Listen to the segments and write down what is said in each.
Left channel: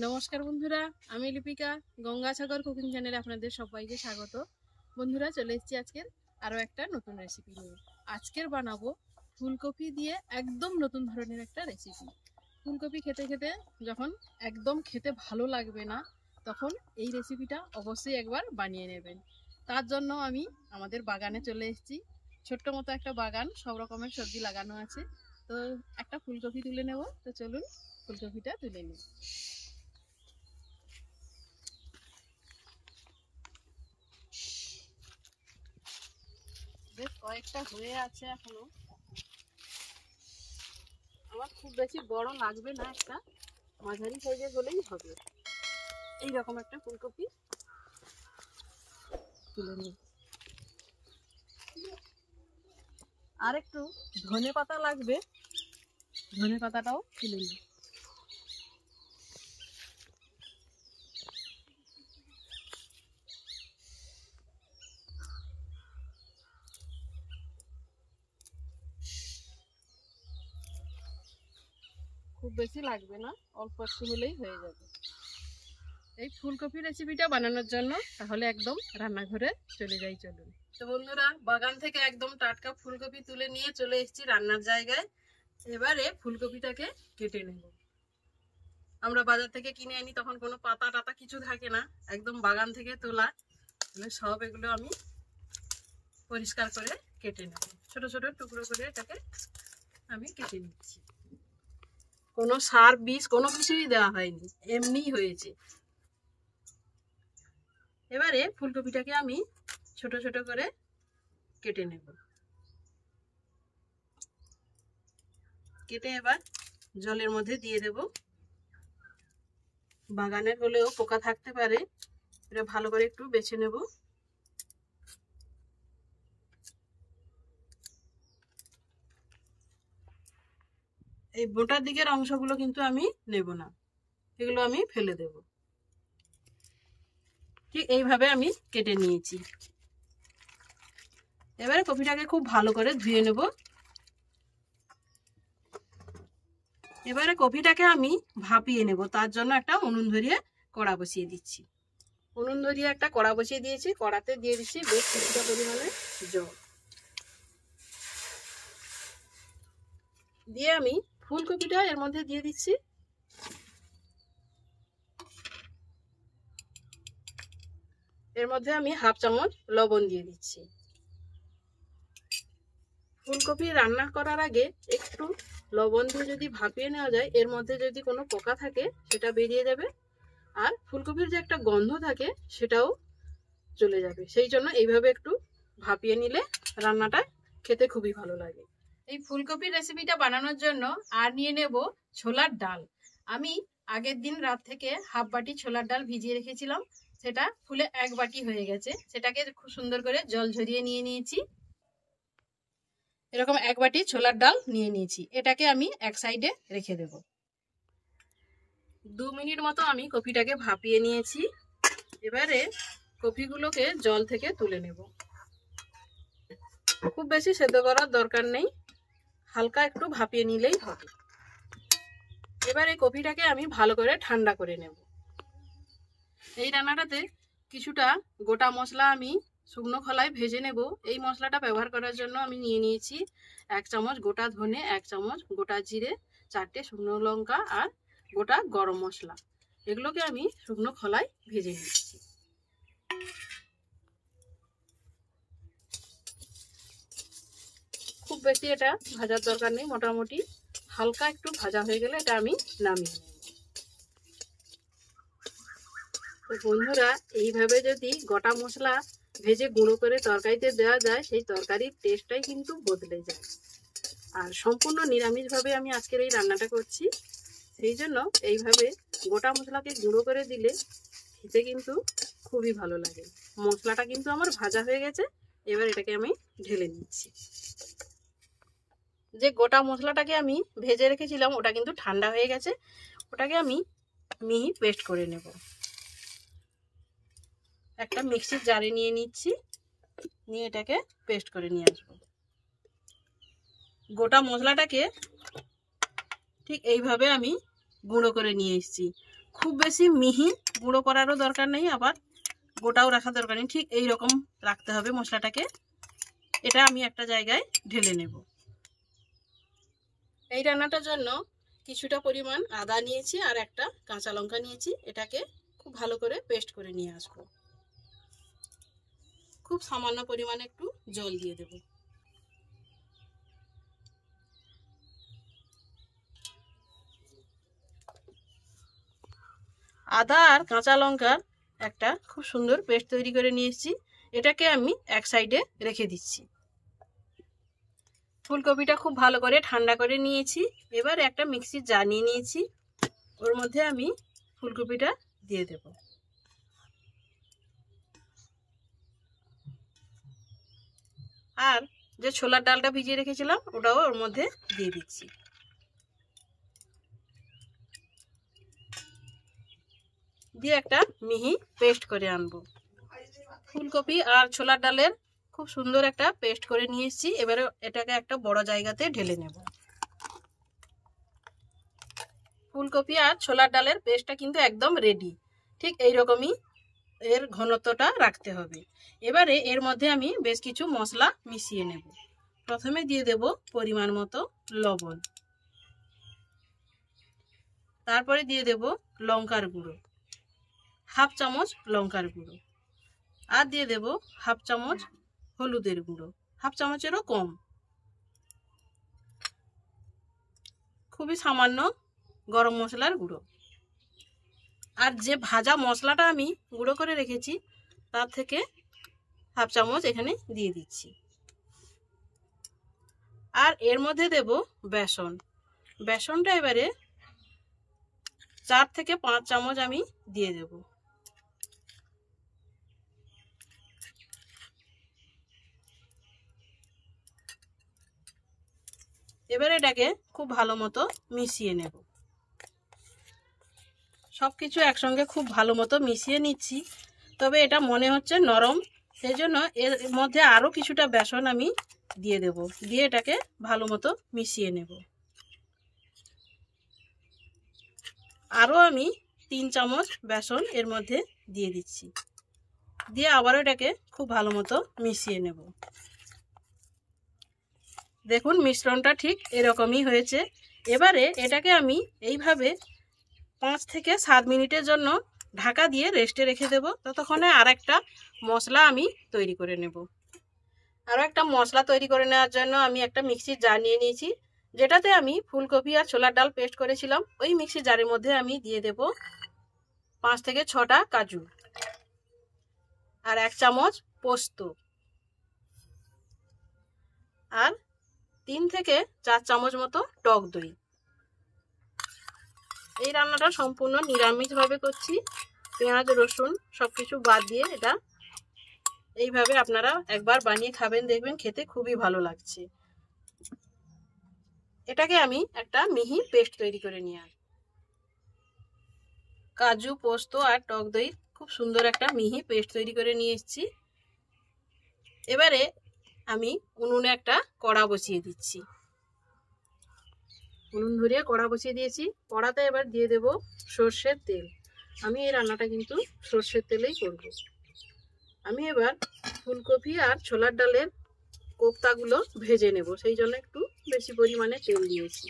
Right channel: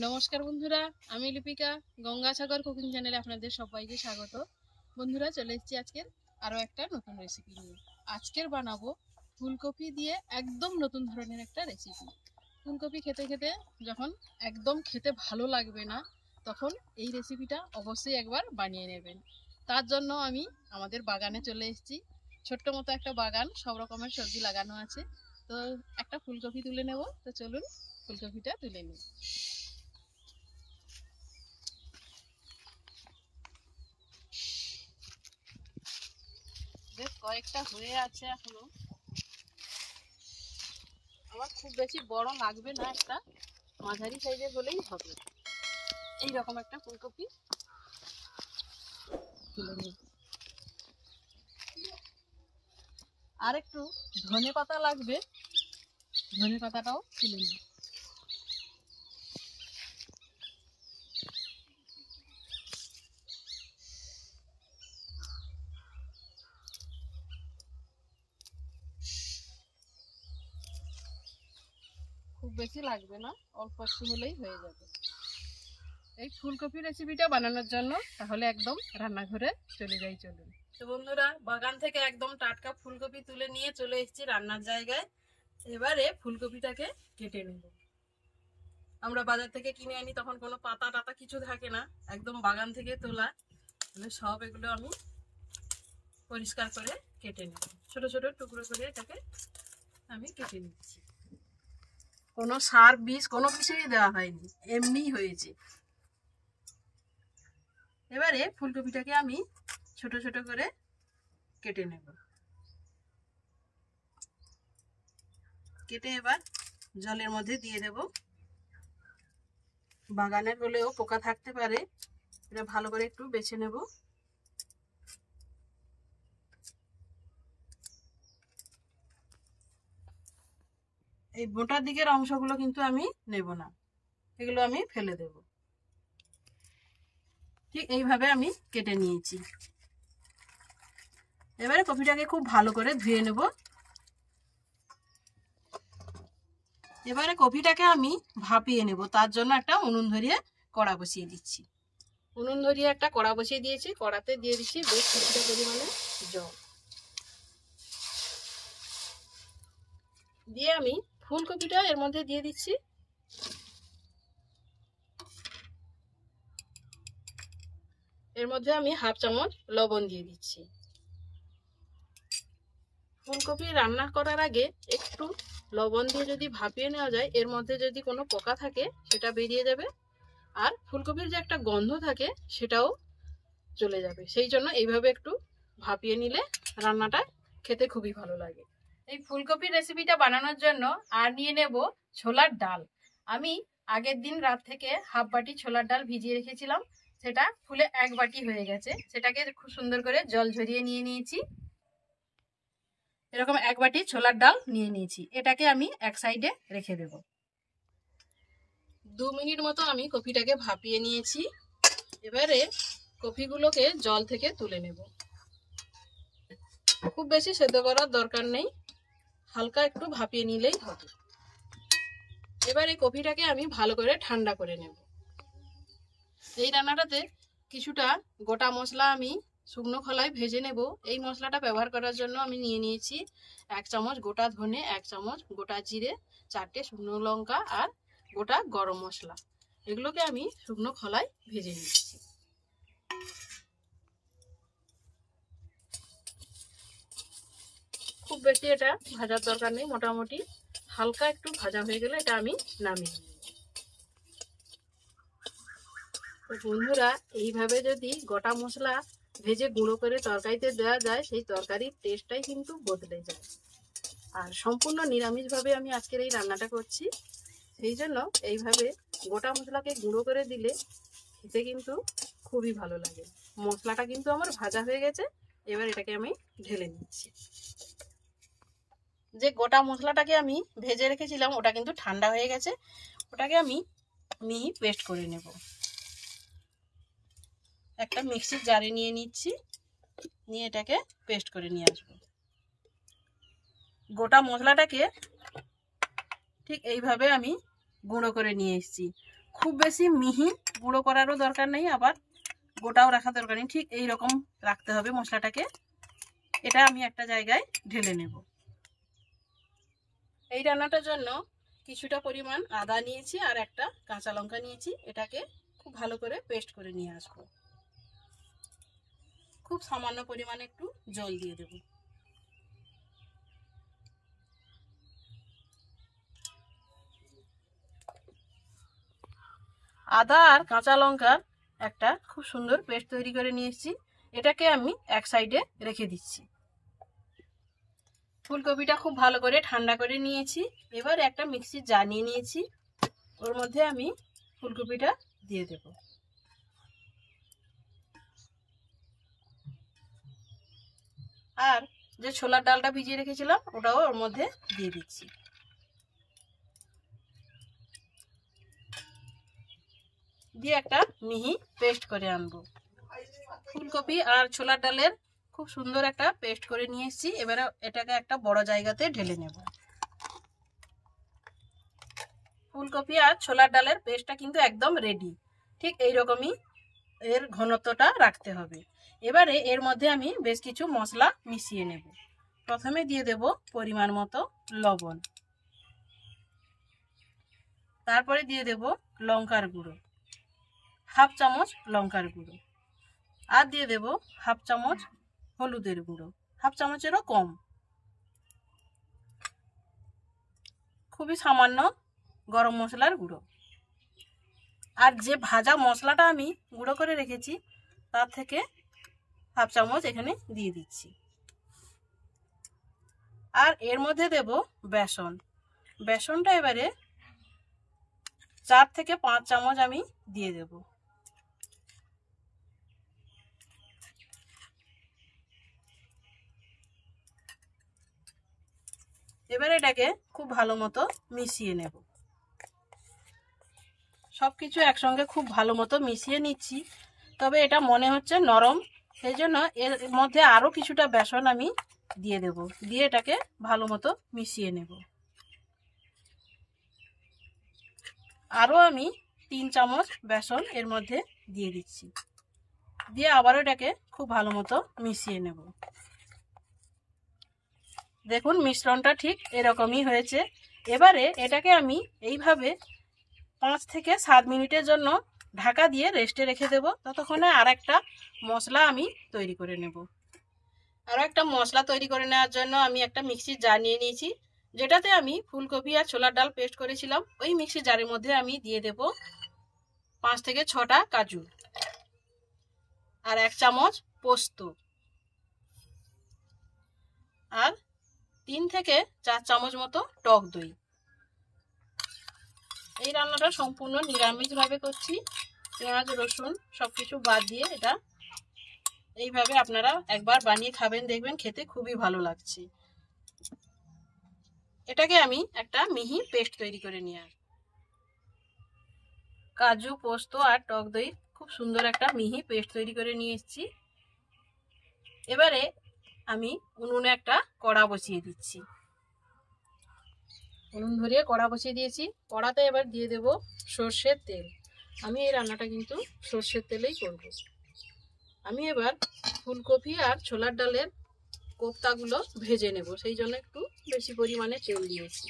নমস্কার বন্ধুরা, আমি লিপিকা। গঙ্গাসাগর কুকিং চ্যানেলে আপনাদের সবাইকে স্বাগত। বন্ধুরা, চলে এসেছি আজকের আরও একটা নতুন রেসিপি নিয়ে। আজকের বানাবো ফুলকপি দিয়ে একদম নতুন ধরনের একটা রেসিপি। ফুলকপি খেতে খেতে যখন একদম খেতে ভালো লাগবে না, তখন এই রেসিপিটা অবশ্যই একবার বানিয়ে নেবেন। তার জন্য আমি আমাদের বাগানে চলে এসেছি। ছোট্ট মতো একটা বাগান, সব রকমের সবজি লাগানো আছে। তো একটা ফুলকপি তুলে নেব। তো চলুন ফুলকপিটা তুলে নিই। বেশ কয়েকটা হয়ে আছে এখনো। আমার খুব বেশি বড় লাগবে না, একটা মাঝারি সাইজের হলেই হবে। এইরকম একটা ফুলকপি তুলে নিই। আর একটু ধনে পাতা লাগবে, ধনে পাতাটাও তুলে নিই। খুব বেশি লাগবে না, অল্প একটু হলেই হয়ে যাবে। এই ফুলকপি রেসিপিটা বানানোর জন্য তাহলে একদম রান্নাঘরে চলে যাই, চলুন। তো বন্ধুরা, বাগান থেকে একদম টাটকা ফুলকপি তুলে নিয়ে চলে এসেছি রান্নার জায়গায়। এবারে ফুলকপিটাকে কেটে নেব। আমরা বাজার থেকে কিনে আনি, তখন কোনো পাতা টাতা কিছু থাকে না, একদম বাগান থেকে তোলা। তাহলে সব এগুলো আমি পরিষ্কার করে কেটে নেব। ছোট ছোট টুকরো করে এটাকে আমি কেটে নিচ্ছি। কোনো সার বীজ কোনো কিছুই দেওয়া হয়নি, এমনিই হয়েছে। এবারে ফুলকপিটাকে আমি ছোট ছোট করে কেটে নেব। কেটে এবার জলের মধ্যে দিয়ে দেব। বাগানের হলেও পোকা থাকতে পারে, এটা ভালো করে একটু বেছে নেব। এই বোটার দিকের অংশগুলো কিন্তু আমি নেব না, এগুলো আমি ফেলে দেব। ঠিক এইভাবে আমি কেটে নিয়েছি। এবারে কপিটাকে খুব ভালো করে ধুয়ে নেব। এবারে কপিটাকে আমি ভাপিয়ে নেব। তার জন্য একটা উনুন ধরিয়ে কড়া বসিয়ে দিচ্ছি। উনুন ধরিয়ে একটা কড়া বসিয়ে দিয়েছি। কড়াতে দিয়ে দিচ্ছি বেশ কিছুটা পরিমাণে জল। দিয়ে আমি ফুলকপিটা এর মধ্যে দিয়ে দিচ্ছি। এর মধ্যে আমি হাফ চামচ লবণ দিয়ে দিচ্ছি। ফুলকপি রান্না করার আগে একটু লবণ দিয়ে যদি ভাপিয়ে নেওয়া যায়, এর মধ্যে যদি কোনো পোকা থাকে সেটা বেরিয়ে যাবে, আর ফুলকপির যে একটা গন্ধ থাকে সেটাও চলে যাবে। সেই জন্য এইভাবে একটু ভাপিয়ে নিলে রান্নাটা খেতে খুবই ভালো লাগে। এই ফুলকপির রেসিপিটা বানানোর জন্য আর নিয়ে নেব ছোলার ডাল। আমি আগের দিন রাত থেকে হাফ বাটি ছোলার ডাল ভিজিয়ে রেখেছিলাম, সেটা ফুলে এক বাটি হয়ে গেছে। সেটাকে খুব সুন্দর করে জল ঝরিয়ে নিয়ে নিয়েছি। এরকম এক বাটি ছোলার ডাল নিয়ে নিয়েছি। এটাকে আমি এক সাইডে রেখে দেব। 2 মিনিট মতো আমি কপিটাকে ভাপিয়ে নিয়েছি। এবারে কপিগুলোকে জল থেকে তুলে নেব। খুব বেশি সেদ্ধ করার দরকার নেই, হালকা একটু ভাপিয়ে নিলেই হবে। এবারে কপিটাকে আমি ভালো করে ঠান্ডা করে নেব। এই রান্নাটাতে কিছুটা গোটা মশলা আমি শুকনো খোলায় ভেজে নেব। এই মশলাটা ব্যবহার করার জন্য আমি নিয়ে নিয়েছি 1 চামচ গোটা ধনে, 1 চামচ গোটা জিরে, 4টে শুকনো লঙ্কা আর গোটা গরম মশলা। এগুলোকে আমি শুকনো খোলায় ভেজে নিচ্ছি। খুব বেশি এটা ভাজার দরকার নেই, মোটামুটি হালকা একটু ভাজা হয়ে গেলে এটা আমি নামিয়ে নেব। তো বন্ধুরা, এইভাবে যদি গোটা মশলা ভেজে গুঁড়ো করে তরকারিতে দেওয়া যায়, সেই তরকারির টেস্টটাই কিন্তু বদলে যায়। আর সম্পূর্ণ নিরামিষভাবে আমি আজকের এই রান্নাটা করছি, সেই জন্য এইভাবে গোটা মশলাকে গুঁড়ো করে দিলে খেতে কিন্তু খুবই ভালো লাগে। মশলাটা কিন্তু আমার ভাজা হয়ে গেছে। এবার এটাকে আমি ঢেলে নিচ্ছি। যে গোটা মশলাটাকে আমি ভেজে রেখেছিলাম ওটা কিন্তু ঠান্ডা হয়ে গেছে। ওটাকে আমি মিহি পেস্ট করে নেব। একটা মিক্সির জারে নিয়ে নিচ্ছি, নিয়ে এটাকে পেস্ট করে নিয়ে আসবো। গোটা মশলাটাকে ঠিক এইভাবে আমি গুঁড়ো করে নিয়ে এসেছি। খুব বেশি মিহি গুঁড়ো করারও দরকার নেই, আবার গোটাও রাখা দরকার নেই, ঠিক এই রকম রাখতে হবে মশলাটাকে। এটা আমি একটা জায়গায় ঢেলে নেব। এই রান্নাটার জন্য কিছুটা পরিমাণ আদা নিয়েছি আর একটা কাঁচা লঙ্কা নিয়েছি। এটাকে খুব ভালো করে পেস্ট করে নিয়ে আসবো। খুব সামান্য পরিমাণে একটু জল দিয়ে দেব। আদা আর কাঁচা লঙ্কার একটা খুব সুন্দর পেস্ট তৈরি করে নিয়ে এসেছি। এটাকে আমি এক সাইডে রেখে দিচ্ছি। ফুলকপিটা খুব ভালো করে ঠান্ডা করে নিয়েছি। এবার একটা মিক্সির জার নিয়ে নিয়েছি, ওর মধ্যে আমি ফুলকপিটা দিয়ে দেব। আর যে ছোলার ডালটা ভিজিয়ে রেখেছিলাম ওটাও ওর মধ্যে দিয়ে দিচ্ছি। দিয়ে একটা মিহি পেস্ট করে আনবো। ফুলকপি আর ছোলার ডালের খুব সুন্দর একটা পেস্ট করে নিয়ে এসেছি। এবারে এটাকে একটা বড় জায়গাতে ঢেলে নেব। ফুলকপি আর ছোলার ডালের পেস্টটা কিন্তু একদম রেডি। ঠিক এইরকমই এর ঘনত্বটা রাখতে হবে। এবারে এর মধ্যে আমি বেশ কিছু মশলা মিশিয়ে নেব। প্রথমে দিয়ে দেব পরিমাণ মতো লবণ, তারপরে দিয়ে দেব লঙ্কার গুঁড়ো, হাফ চামচ লঙ্কার গুঁড়ো, আর দিয়ে দেব হাফ চামচ হলুদের গুঁড়ো, হাফ চামচেরও কম, খুবই সামান্য গরম মশলার গুঁড়ো। আর যে ভাজা মশলাটা আমি গুঁড়ো করে রেখেছি তার থেকে হাফ চামচ এখানে দিয়ে দিচ্ছি। আর এর মধ্যে দেব বেসন। বেসনটা এবারে 4 থেকে 5 চামচ আমি দিয়ে দেব। এবারে এটাকে খুব ভালো মতো মিশিয়ে নেব। সব কিছু একসঙ্গে খুব ভালো মতো মিশিয়ে নিচ্ছি। তবে এটা মনে হচ্ছে নরম, সেই জন্য এর মধ্যে আরও কিছুটা বেসন আমি দিয়ে দেব। দিয়ে এটাকে ভালো মতো মিশিয়ে নেব। আরও আমি 3 চামচ বেসন এর মধ্যে দিয়ে দিচ্ছি। দিয়ে আবারও এটাকে খুব ভালো মতো মিশিয়ে নেব। দেখুন মিশ্রণটা ঠিক এরকমই হয়েছে। এবারে এটাকে আমি এইভাবে 5 থেকে 7 মিনিটের জন্য ঢাকা দিয়ে রেস্টে রেখে দেব। ততক্ষণে আর একটা মশলা আমি তৈরি করে নেব। আরও একটা মশলা তৈরি করে নেওয়ার জন্য আমি একটা মিক্সির জার নিয়ে নিয়েছি, যেটাতে আমি ফুলকপি আর ছোলার ডাল পেস্ট করেছিলাম। ওই মিক্সির জারের মধ্যে আমি দিয়ে দেব 5 থেকে 6টা কাজু, আর 1 চামচ পোস্ত, আর 3 থেকে 4 চামচ মতো টক দই। এই রান্নাটা সম্পূর্ণ নিরামিষভাবে করছি, পেঁয়াজ রসুন সব কিছু বাদ দিয়ে। এটা এইভাবে আপনারা একবার বানিয়ে খাবেন, দেখবেন খেতে খুবই ভালো লাগছে। এটাকে আমি একটা মিহি পেস্ট তৈরি করে নিয়ে আসব। কাজু পোস্ত আর টক দই খুব সুন্দর একটা মিহি পেস্ট তৈরি করে নিয়ে এসেছি। এবারে আমি উনুনে একটা কড়া বসিয়ে দিচ্ছি। উনুন ধরিয়ে কড়া বসিয়ে দিয়েছি। কড়াতে এবার দিয়ে দেব সর্ষের তেল। আমি এই রান্নাটা কিন্তু সর্ষের তেলেই করব। আমি এবার ফুলকপি আর ছোলার ডালের কোপ্তাগুলো ভেজে নেব, সেই জন্য একটু বেশি পরিমাণে তেল দিয়েছি।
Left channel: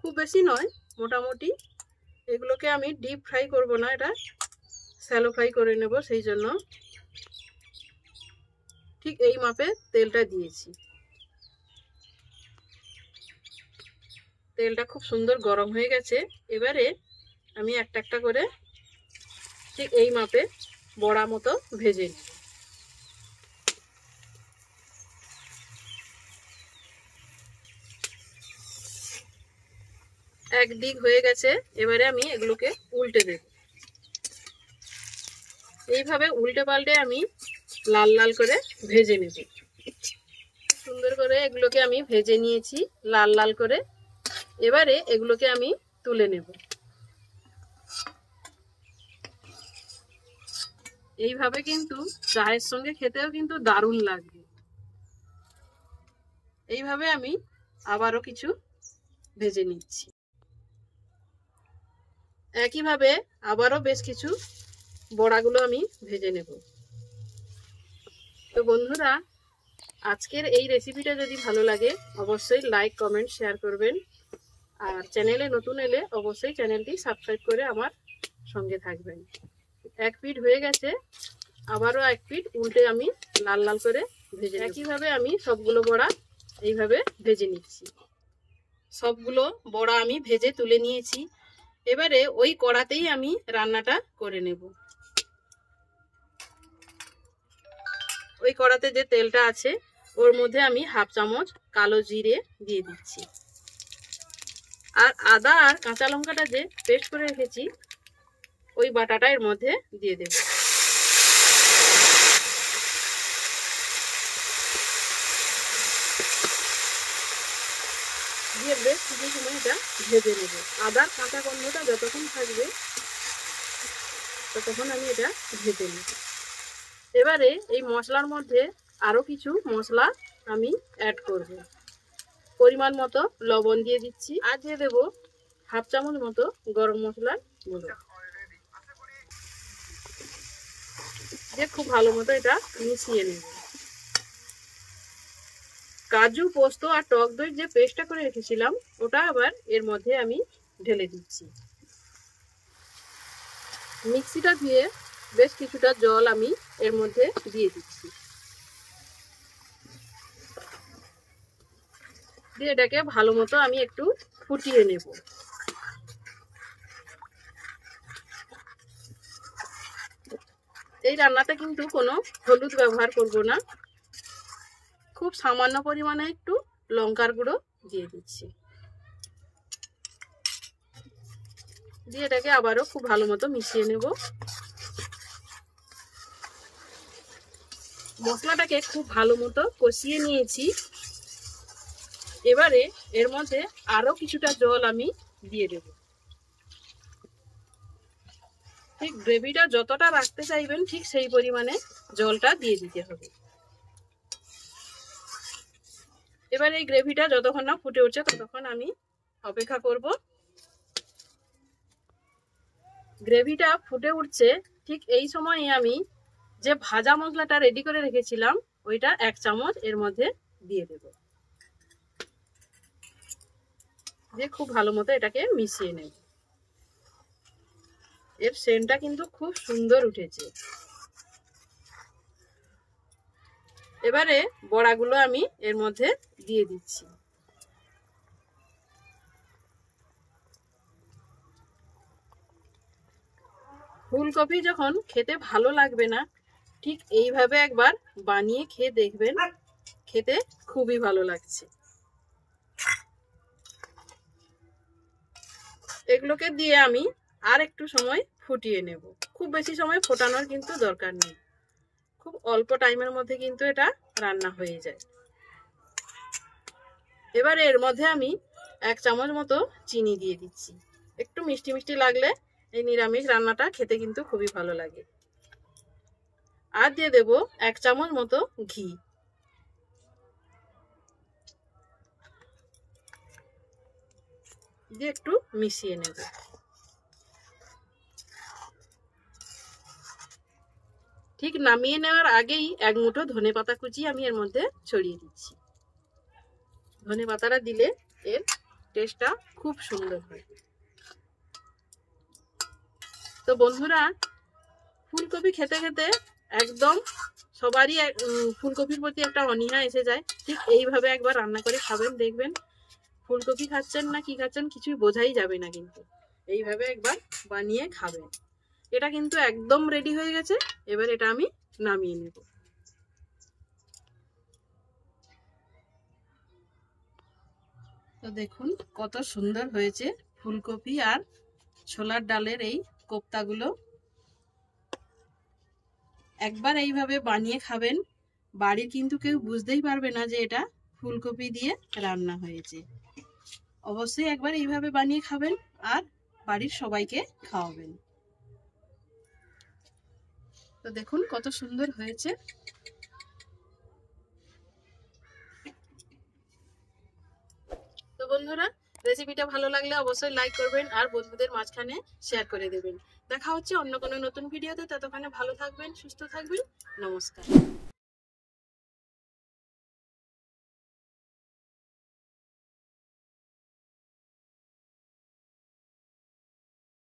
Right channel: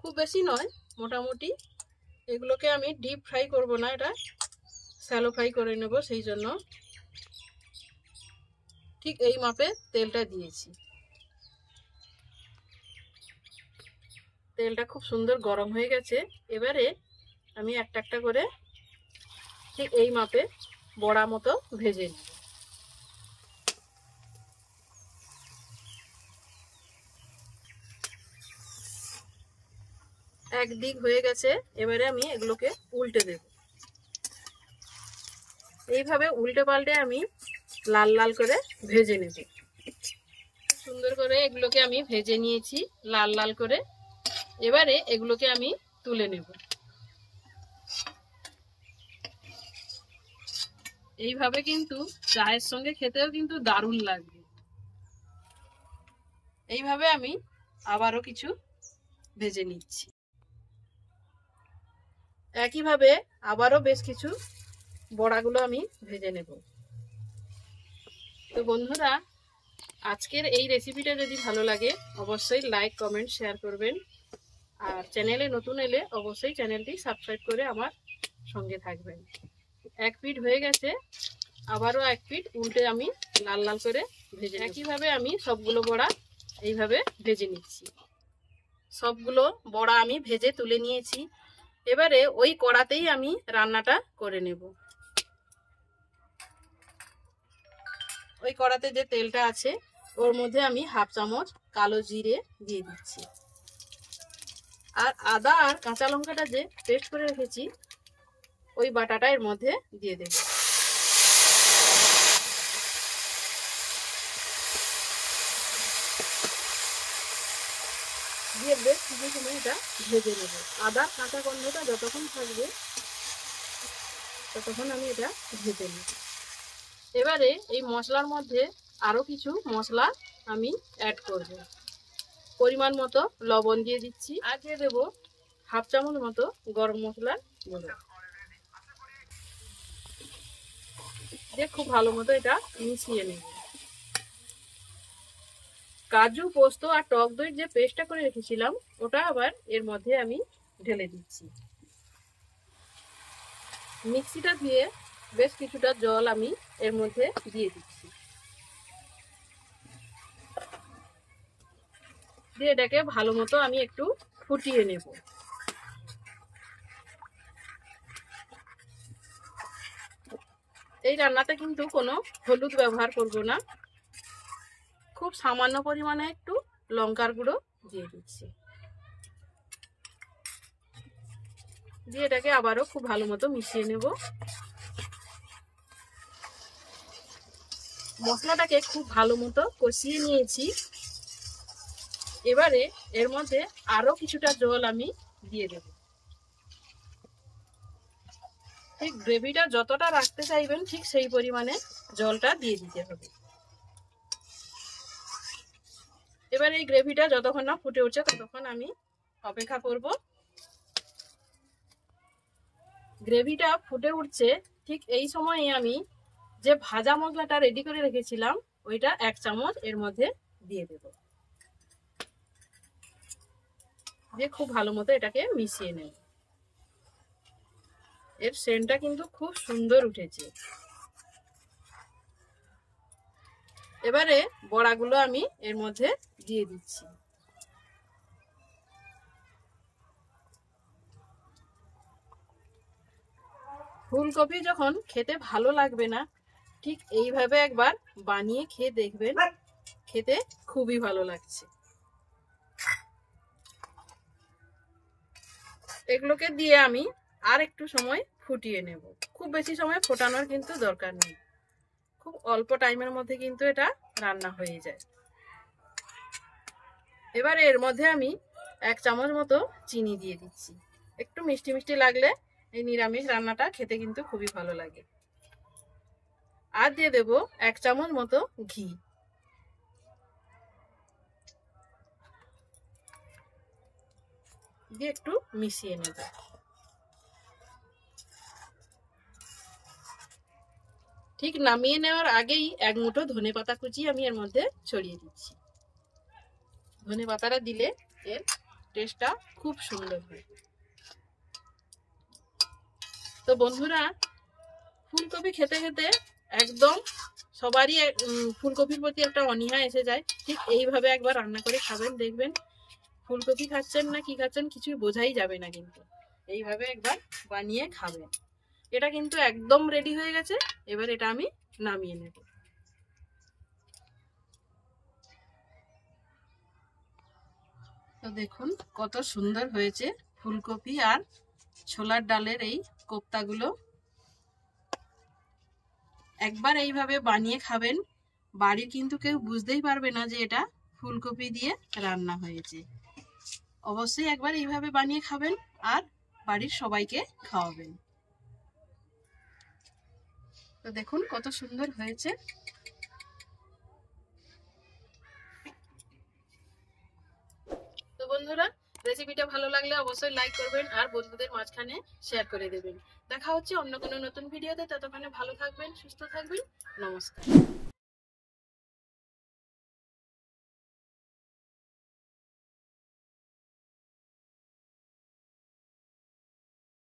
খুব বেশি নয়, মোটামুটি। এগুলোকে আমি ডিপ ফ্রাই করব না, এটা শ্যালো ফ্রাই করে নেব, সেই জন্য ঠিক এই মাপে তেলটা দিয়েছি। তেলটা খুব সুন্দর গরম হয়ে গেছে। এবারে আমি একটা একটা করে ঠিক এই মাপে বড়া মতো ভেজে নেব। একদিক হয়ে গেছে, এবারে আমি এগুলোকে উল্টে দেব। এইভাবে উল্টে পাল্টে আমি লাল লাল করে ভেজে নেব। সুন্দর করে এগুলোকে আমি ভেজে নিয়েছি লাল লাল করে। এবারে এগুলোকে আমি তুলে নেব। এইভাবে কিন্তু চায়ের সঙ্গে খেতেও কিন্তু দারুণ লাগবে। এইভাবে আমি আবারও কিছু ভেজে নিচ্ছি। একইভাবে আবারও বেশ কিছু বড়াগুলো আমি ভেজে নেব। তো বন্ধুরা, আজকের এই রেসিপিটা যদি ভালো লাগে অবশ্যই লাইক, কমেন্ট, শেয়ার করবেন। আর চ্যানেলে নতুন এলে অবশ্যই চ্যানেলটি সাবস্ক্রাইব করে আমার সঙ্গে থাকবেন। এক পিঠ হয়ে গেছে, আবারও এক পিঠ উল্টে আমি লাল লাল করে ভেজে নেব। একইভাবে আমি সবগুলো বড়া এইভাবে ভেজে নিচ্ছি। সবগুলো বড়া আমি ভেজে তুলে নিয়েছি। এবারে ওই কড়াতেই আমি রান্নাটা করে নেব। ওই কড়াতে যে তেলটা আছে ওর মধ্যে আমি হাফ চামচ কালো জিরে দিয়ে দিচ্ছি। আর আদা আর কাঁচা লঙ্কাটা যে পেস্ট করে রেখেছি ওই বাটাটা এর মধ্যে দিয়ে দেব। দিয়ে বেশ কিছু সময় এটা ভেজে নেব। আদার কাঁচা গন্ধটা যতক্ষণ থাকবে ততক্ষণ আমি এটা ভেজে নেব। এবারে এই মশলার মধ্যে আরও কিছু মশলা আমি অ্যাড করব। পরিমাণ মতো লবণ দিয়ে দিচ্ছি, আর দিয়ে দেবো হাফ চামচ মতো গরম মশলার গুঁড়ো দিয়ে খুব ভালো মতো এটা মিশিয়ে নেব। কাজু, পোস্ত আর টক দই যে পেস্টটা করে রেখেছিলাম ওটা আবার এর মধ্যে আমি ঢেলে দিচ্ছি। মিক্সিটা ধুয়ে বেশ কিছুটা জল আমি এর মধ্যে দিয়ে দিচ্ছি। দিয়ে এটাকে ভালো মতো আমি একটু ফুটিয়ে নেব। এই রান্নাতে কিন্তু কোনো হলুদ ব্যবহার করব না, খুব সামান্য পরিমাণে একটু লঙ্কার গুঁড়ো দিয়ে দিচ্ছি। দিয়ে এটাকে আবারও খুব ভালো মতো মিশিয়ে নেব। মশলাটাকে খুব ভালো মতো কষিয়ে নিয়েছি। এবারে এর মধ্যে আরো কিছুটা জল আমি দিয়ে দেব। ঠিক গ্রেভিটা যতটা রাখতে চাইবেন ঠিক সেই পরিমাণে জলটা দিয়ে দিতে হবে। এবার এই গ্রেভিটা যতক্ষণ না ফুটে উঠছে ততক্ষণ আমি অপেক্ষা করব। গ্রেভিটা ফুটে উঠছে, ঠিক এই সময়ে আমি যে ভাজা মশলাটা রেডি করে রেখেছিলাম ওইটা এক চামচ এর মধ্যে দিয়ে দেব। দিয়ে খুব ভালো মতো এটাকে মিশিয়ে নেব। এর সেন্টটা কিন্তু খুব সুন্দর উঠেছে। এবারে বড়াগুলো আমি এর মধ্যে দিয়ে দিচ্ছি। ফুলকপি যখন খেতে ভালো লাগবে না ঠিক এইভাবে একবার বানিয়ে খেয়ে দেখবেন, খেতে খুবই ভালো লাগছে। এগুলোকে দিয়ে আমি আর একটু সময় ফুটিয়ে নেব। খুব বেশি সময় ফোটানোর কিন্তু দরকার নেই, খুব অল্প টাইমের মধ্যে কিন্তু এটা রান্না হয়ে যায়। এবারে এর মধ্যে আমি এক চামচ মতো চিনি দিয়ে দিচ্ছি। একটু মিষ্টি মিষ্টি লাগলে এই নিরামিষ রান্নাটা খেতে কিন্তু খুবই ভালো লাগে। আর দিয়ে দেব এক চামচ মতো ঘি। দিয়ে একটু মিশিয়ে নেব। ঠিক নামিয়ে নেওয়ার আগেই এক মুঠো ধনেপাতা কুচি আমি এর মধ্যে ছড়িয়ে দিচ্ছি। ধনেপাতাটা দিলে এর টেস্টটা খুব সুন্দর হয়। তো বন্ধুরা, ফুলকপি খেতে খেতে একদম সবারই ফুলকপির প্রতি একটা অনীহা এসে যায়। ঠিক এইভাবে একবার রান্না করে খাবেন, দেখবেন ফুলকপি খাচ্ছেন না কি খাচ্ছেন কিছুই বোঝাই যাবে না। কিন্তু এইভাবে একবার বানিয়ে খাবেন। এটা কিন্তু একদম রেডি হয়ে গেছে। এবার এটা আমি নামিয়ে নেব। তো দেখুন কত সুন্দর হয়েছে ফুলকপি আর ছোলার ডালের এই কোপ্তাগুলো। একবার এইভাবে বানিয়ে খাবেন, বাড়ির কিন্তু কেউ বুঝতেই পারবে না যে এটা ফুলকপি দিয়ে রান্না হয়েছে। অবশ্যই একবার এইভাবে বানিয়ে খাবেন আর বাড়ির সবাইকে খাওয়াবেন। তো দেখুন কত সুন্দর হয়েছে। তো বন্ধুরা, রেসিপিটা ভালো লাগলে অবশ্যই লাইক করবেন আর বন্ধুদের মাঝখানে শেয়ার করে দেবেন। দেখা হচ্ছে অন্য কোনো নতুন ভিডিওতে। ততক্ষণে ভালো থাকবেন, সুস্থ থাকবেন। নমস্কার।